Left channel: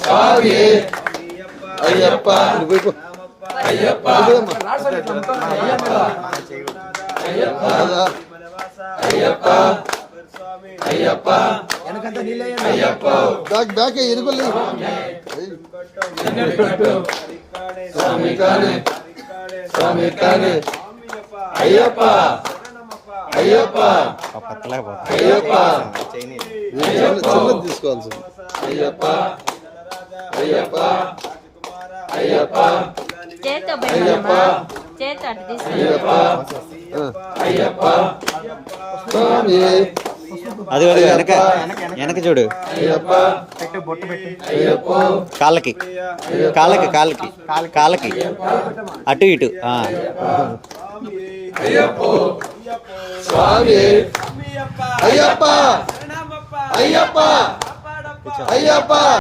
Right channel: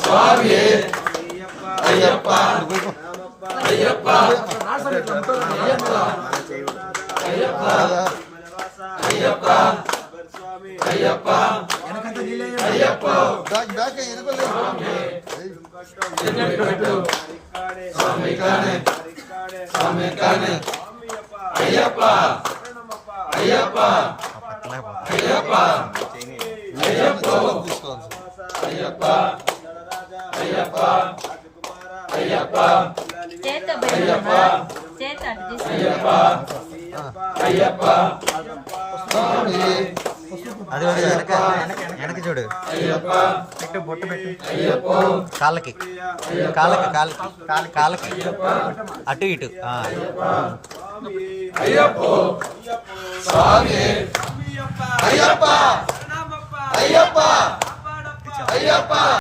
స్వామి Ayyappa Ayyappa Ayyappa Ayyappa Ayyappa Ayyappa back ఇరుగుల్లి స్వామి కానే స్వామి కానే అయ్యప్ప అయ్యప్ప అయ్యప్ప తీసుకోవాలి అయ్యప్ప అయ్యప్ప అయ్యప్ప చేత భయమనమా చేత అటు అయ్యప్ప అయ్యప్ప స్వామి అది అది వెనక వెనక చూడు అయ్యప్ప అయ్యప్ప కాళ్ళకి కాళ్ళకి కాళ్ళకి కాళ్ళకి అటు ఇటు అయ్యప్ప స్వామి అయ్యప్ప అయ్యప్ప అయ్యప్ప